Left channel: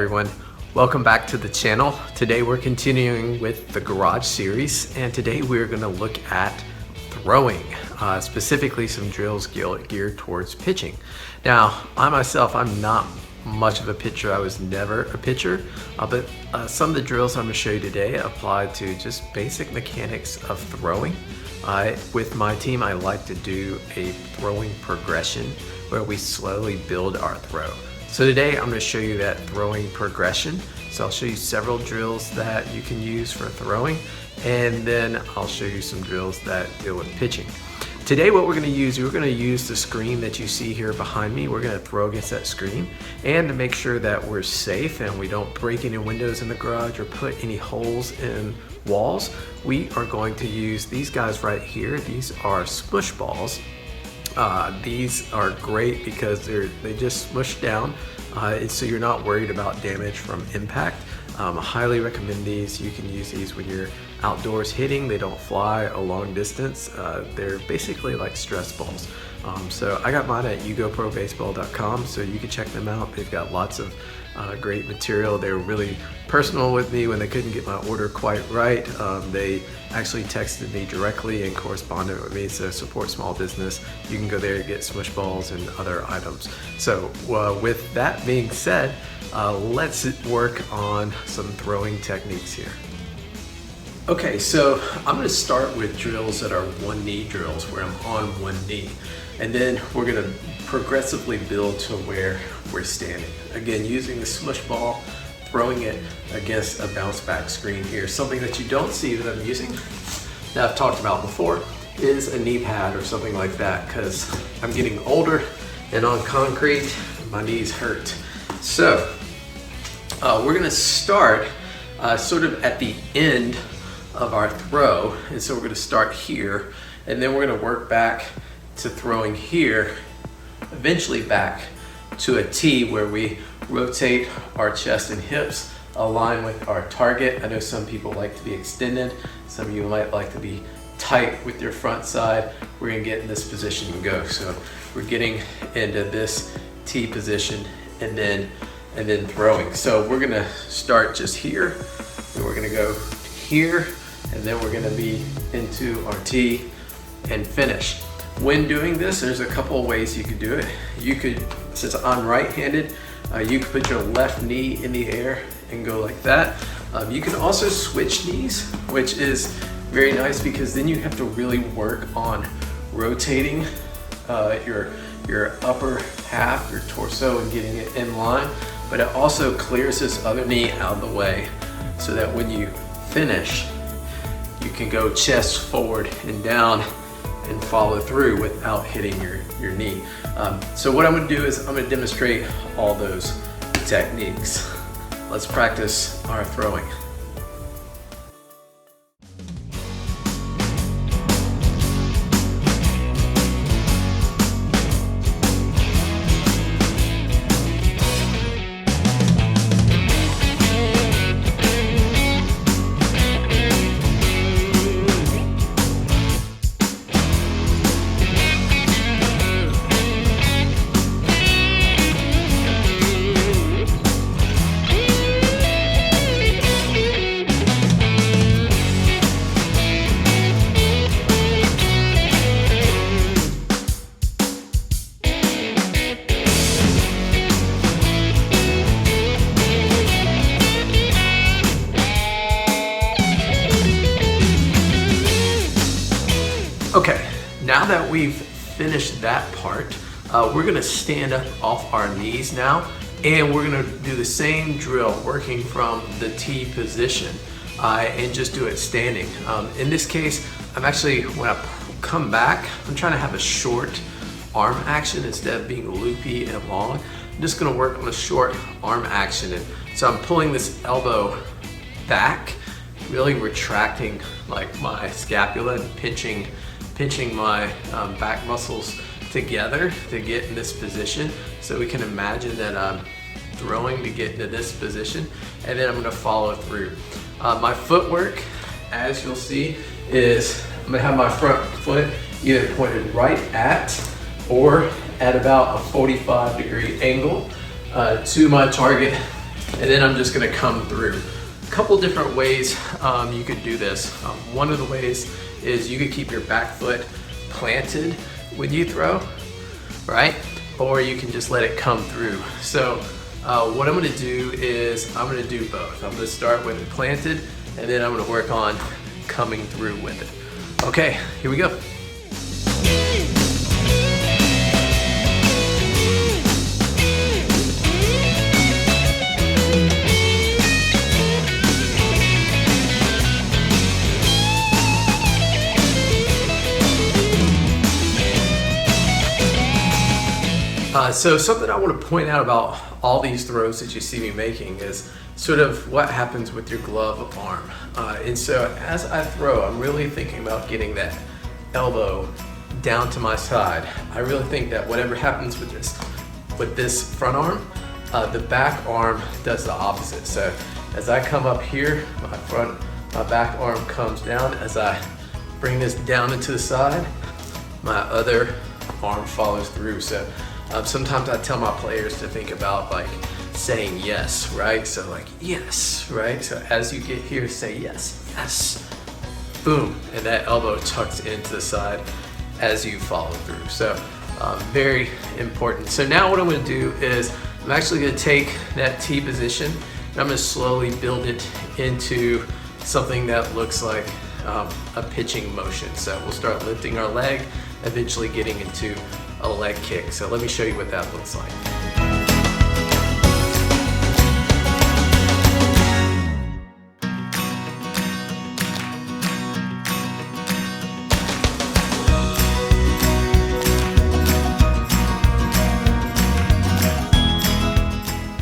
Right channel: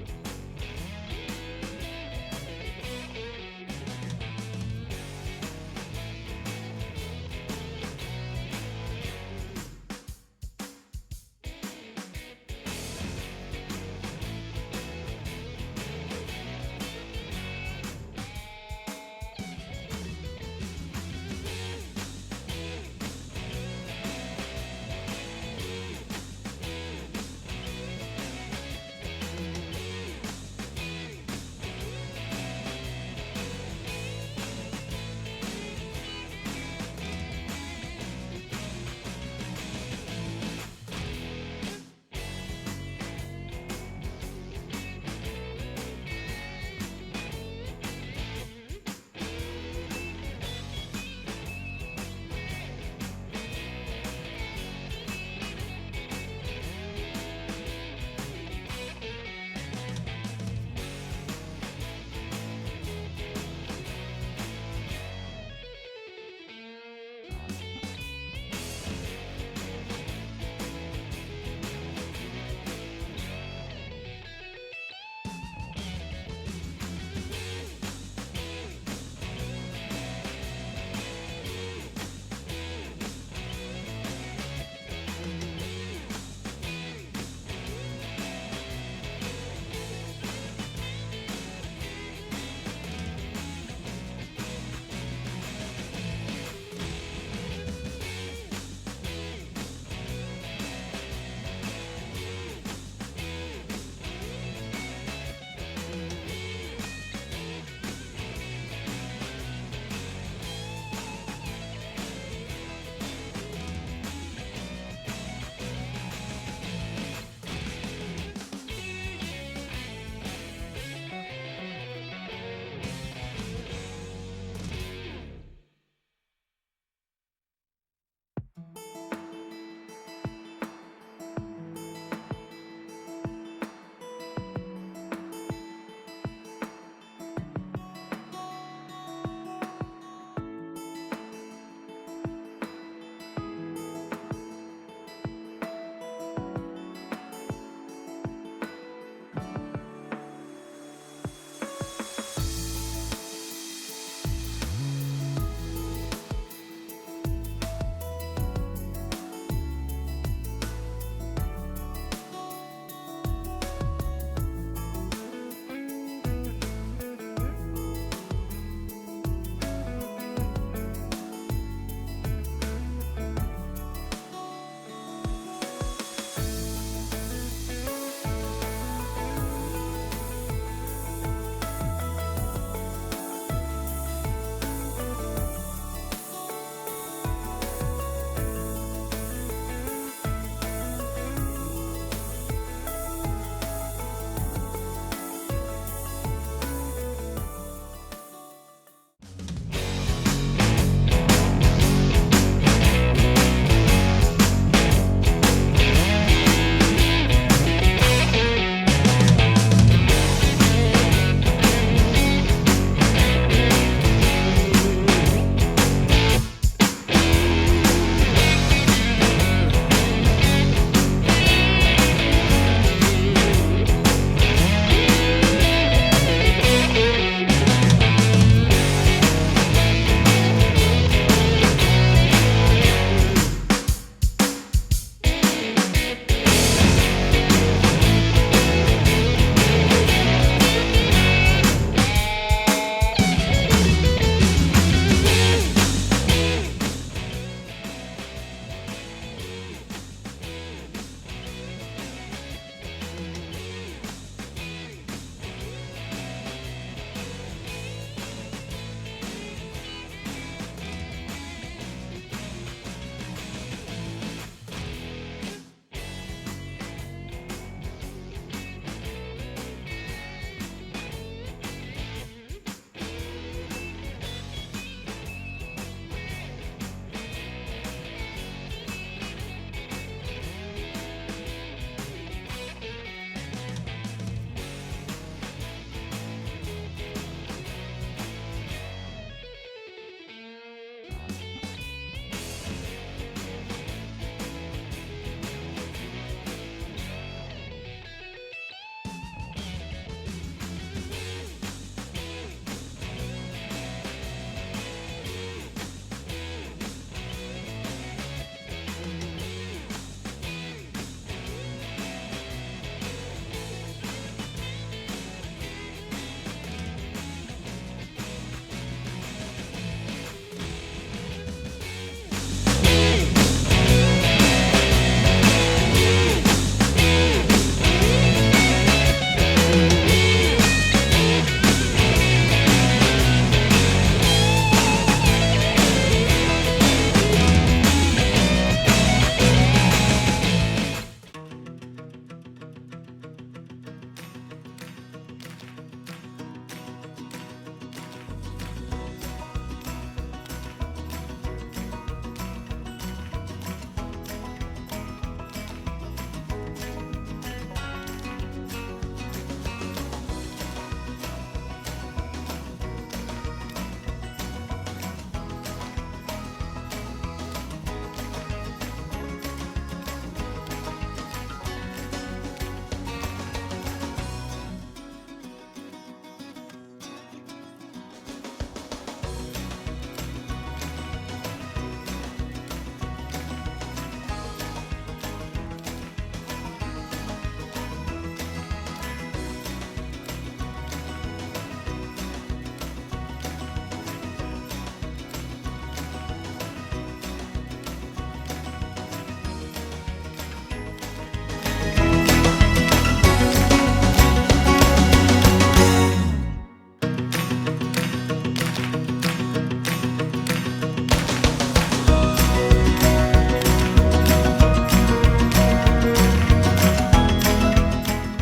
everyone, welcome back to the channel. Today we're continuing with the garage series, and today we're going to look at throwing, specifically some drills geared towards pitching. Now, I myself, I'm not much of a pitcher. I was never a pitcher, but some of the drills I'm going to show you today apply to just basic mechanics of throwing. With my team, I like to do a throwing progression where we slowly build our throw. So today I'm going to show you that throwing progression. So I'll show you several drills that you can use for throwing, and then I'll show you some drills that deal with pitching. Today what we're going to use the screen that you see here behind me. We're going to throw against that screen, and to make sure that we're safe and we don't break any windows in the garage or put any holes in walls, we are going to use these guys right here. These are Smush Balls. These are great because they just smush down, so you're not worried about damage from impact. I highly recommend these. You can use these when you're outdoors hitting. They don't fly a long distance. They're basically like stress balls. So I got mine at ugoprobaseball.com, so you can check them out. They've got lots of great material. They were really personal with me when they couldn't get my order quite right. They actually texted me directly and corresponded with me. So support small business. You can go there and get Smush Balls and other items. So with that being said, let's work on some throwing techniques here. Okay, so I'm going to start with drills that are one knee drills, where I'm on one knee. And then we're going to progressively build to where we're standing. Again, using the Smush Ball, throwing it against a bounce back screen here. Something that you don't see that I'm using, that I've talked about before, is a knee pad or something like that, because I'm getting older and on concrete, my knees hurt. So we're going to start sort of at the end of our throw, and so we're going to start here, and then we're going to work back to throwing here, eventually back to a T where we rotate our chest and hips, align with our target. I know some people like to be extended, some of you might like to be tight with your front side. We're going to get in this position and go. So we're getting into this T position and then throwing. So we're going to start just here, and we're going to go here, and then we're going to be into our T and finish. When doing this, there's a couple of ways you could do it. You could, since I'm right-handed, you could put your left knee in the air and go like that. You can also switch knees, which is very nice because then you have to really work on rotating your upper half, your torso, and getting it in line. But it also clears this other knee out of the way so that when you finish, you can go chest forward and down and follow through without hitting your knee. So what I'm going to do is I'm going to demonstrate all those techniques. Let's practice our throwing. Okay, now that we've finished that part, we're gonna stand up off our knees now, and we're gonna do the same drill, working from the T position, and just do it standing. In this case, I'm actually, when I come back, I'm trying to have a short arm action instead of being loopy and long. I'm just gonna work on a short arm action. And so I'm pulling this elbow back, really retracting like my scapula and pinching my back muscles together to get in this position. So we can imagine that I'm throwing to get into this position, and then I'm going to follow through. My footwork, as you'll see, is I'm going to have my front foot either pointed right at or at about a 45-degree angle to my target And then I'm just gonna come through. A couple different ways you could do this. One of the ways is you could keep your back foot planted when you throw, right? Or you can just let it come through. So what I'm gonna do is I'm gonna do both. I'm gonna start with planted, and then I'm gonna work on coming through with it. Okay, here we go. So something I want to point out about all these throws that you see me making is sort of what happens with your glove arm. And so as I throw, I'm really thinking about getting that elbow down to my side. I really think that whatever happens with this front arm, the back arm does the opposite. So as I come up here, my back arm comes down. As I bring this down into the side, my other arm follows through. So sometimes I tell my players to think about like saying yes, right? So like yes, right? So as you get here, say yes, yes, boom, and that elbow tucks into the side as you follow through. So very important. So now what I'm gonna do is I'm actually gonna take that T position and I'm gonna slowly build it into something that looks like a pitching motion. So we'll start lifting our leg, eventually getting into a leg kick. So let me show you what that looks like.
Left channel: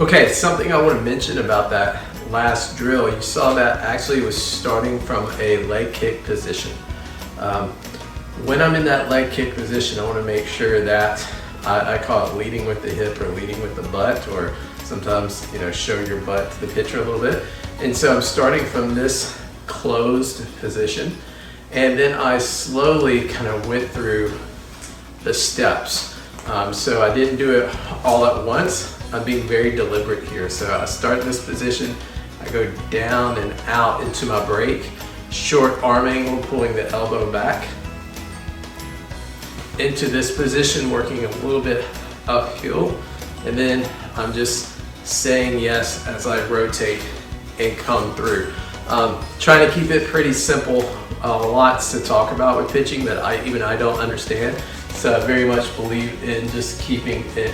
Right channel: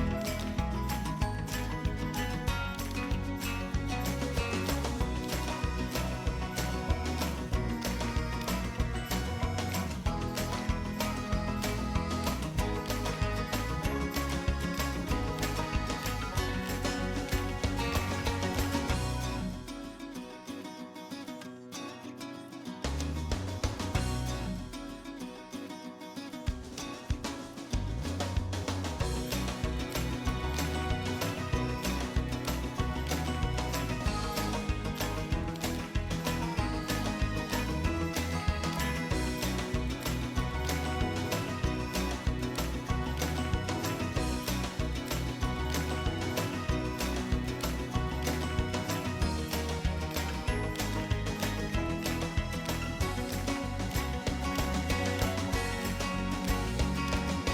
Okay, something I want to mention about that last drill, you saw that actually was starting from a leg kick position. When I'm in that leg kick position, I want to make sure that I call it leading with the hip or leading with the butt, or sometimes, show your butt to the pitcher a little bit. And so I'm starting from this closed position, and then I slowly kind of went through the steps. So I didn't do it all at once. I'm being very deliberate here. So I start in this position, I go down and out into my break, short arm angle, pulling the elbow back, into this position, working a little bit uphill, and then I'm just saying yes as I rotate and come through. Trying to keep it pretty simple. Lots to talk about with pitching that I don't understand. So I very much believe in just keeping it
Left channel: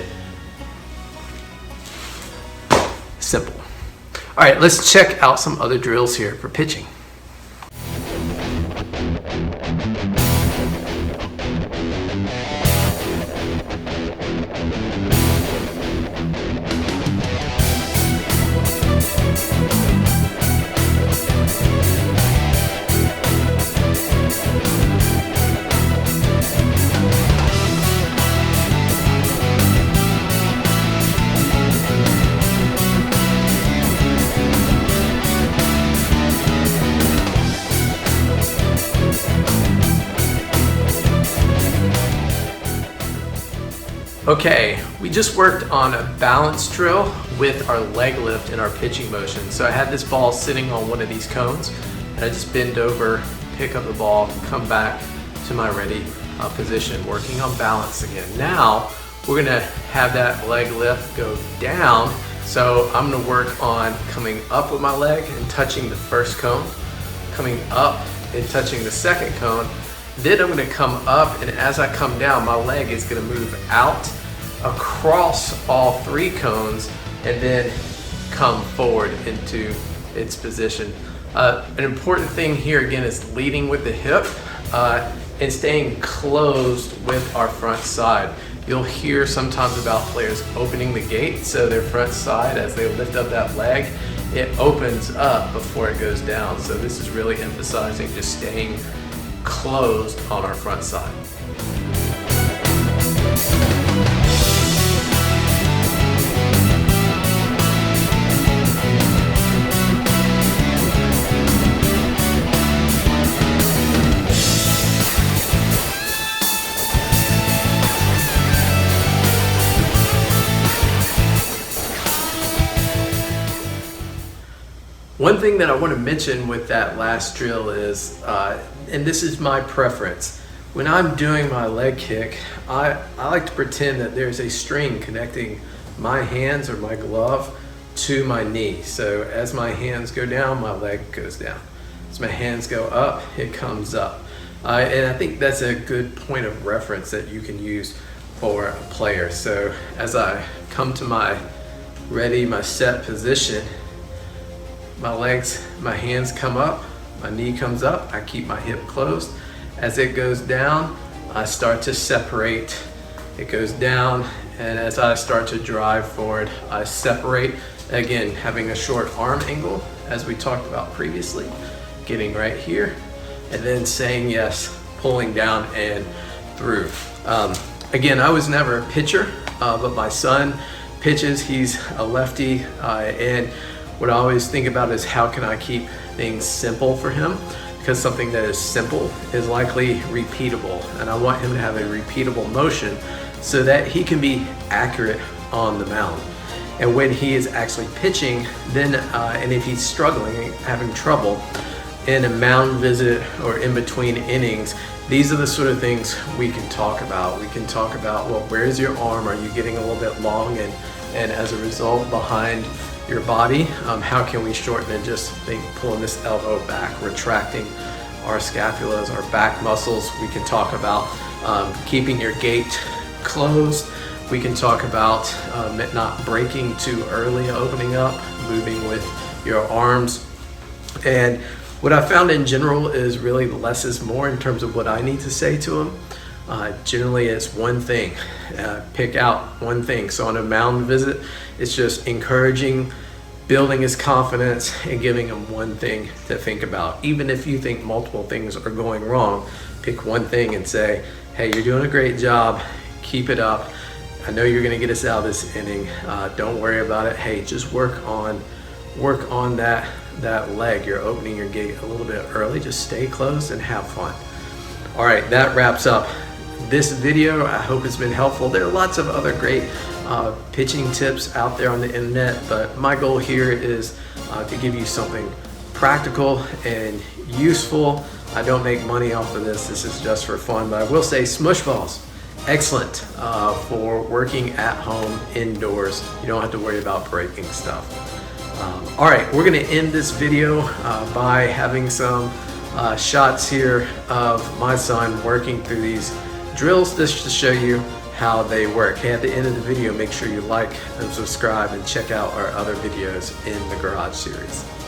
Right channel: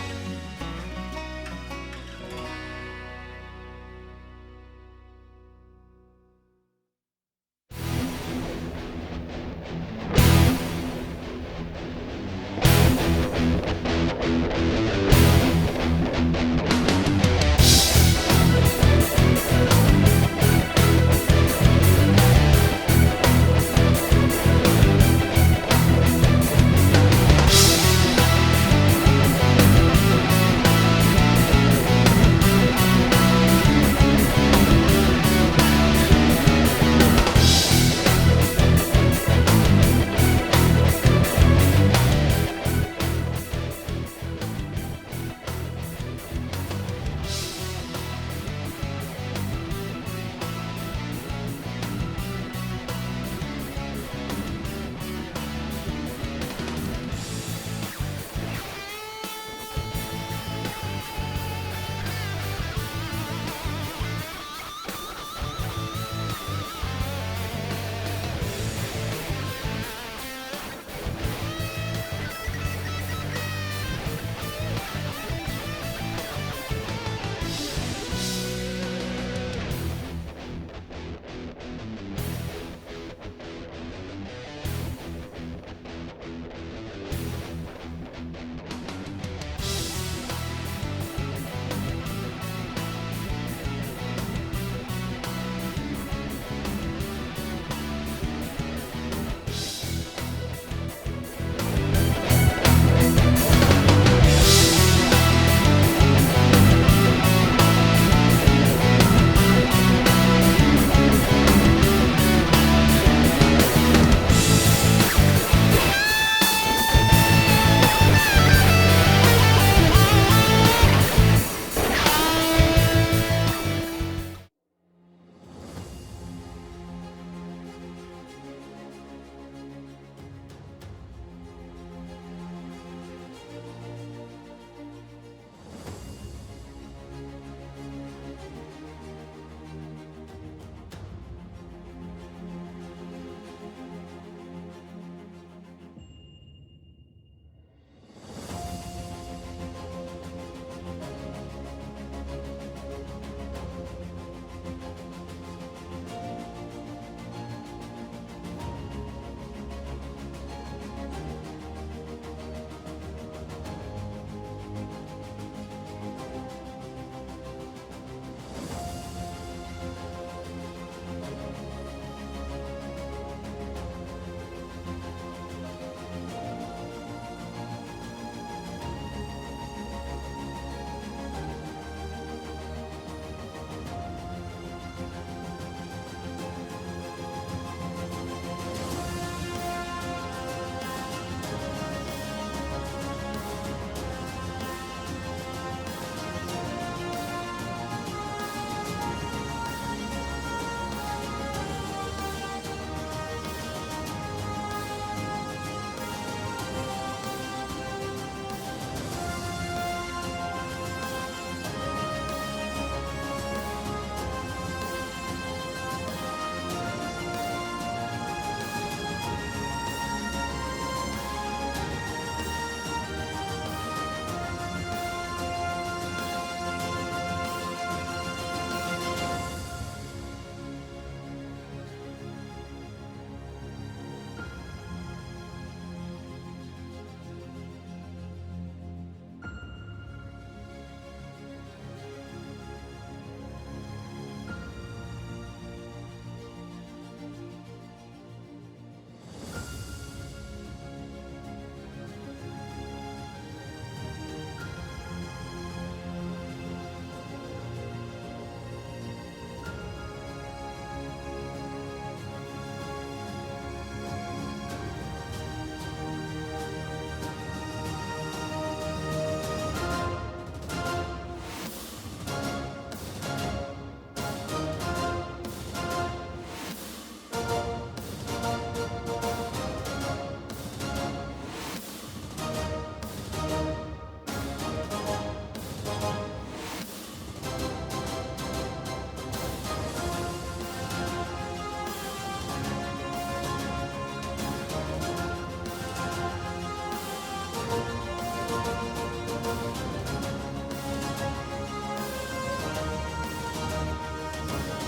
simple. All right, let's check out some other drills here for pitching. Okay, we just worked on a balance drill with our leg lift in our pitching motion. So I had this ball sitting on one of these cones, and I just bend over, pick up the ball, come back to my ready position, working on balance again. Now, we're gonna have that leg lift go down. So I'm gonna work on coming up with my leg and touching the first cone, coming up and touching the second cone. Then I'm gonna come up, and as I come down, my leg is gonna move out across all three cones and then come forward into its position. An important thing here again is leading with the hip and staying closed with our front side. You'll hear sometimes about players opening the gate, so their front side, as they lift up that leg, it opens up before it goes down. So this is really emphasizing just staying closed on our front side. one thing that I want to mention with that last drill is, and this is my preference, when I'm doing my leg kick, I like to pretend that there's a string connecting my hands or my glove to my knee. So as my hands go down, my leg goes down. As my hands go up, it comes up. And I think that's a good point of reference that you can use for a player. So as I come to my ready, my set position, my hands come up, my knee comes up, I keep my hip closed. As it goes down, I start to separate. It goes down, and as I start to drive forward, I separate. Again, having a short arm angle, as we talked about previously, getting right here, and then saying yes, pulling down and through. Again, I was never a pitcher, but my son pitches. He's a lefty, and what I always think about is how can I keep things simple for him? Because something that is simple is likely repeatable, and I want him to have a repeatable motion so that he can be accurate on the mound. And when he is actually pitching, then and if he's struggling, having trouble in a mound visit or in between innings, these are the sort of things we can talk about. We can talk about, well, where's your arm? Are you getting a little bit long? And as a result, behind your body, how can we shorten it? Just think pulling this elbow back, retracting our scapulas, our back muscles. We can talk about keeping your gait closed. We can talk about not breaking too early, opening up, moving with your arms. And what I found in general is really less is more in terms of what I need to say to him. Generally it's one thing, pick out one thing. So on a mound visit, it's just encouraging, building his confidence, and giving him one thing to think about. Even if you think multiple things are going wrong, pick one thing and say, hey, you're doing a great job, keep it up. I know you're gonna get us out of this inning. Don't worry about it. Hey, just work on that leg. You're opening your gate a little bit early. Just stay close and have fun. All right, that wraps up this video. I hope it's been helpful. There are lots of other great pitching tips out there on the internet, but my goal here is to give you something practical and useful. I don't make money off of this. This is just for fun, but I will say Smush Balls, excellent for working at home indoors. You don't have to worry about breaking stuff. All right, we're gonna end this video by having some shots here of my son working through these drills just to show you how they work. Hey, at the end of the video, make sure you like and subscribe and check out our other videos in the Garage series.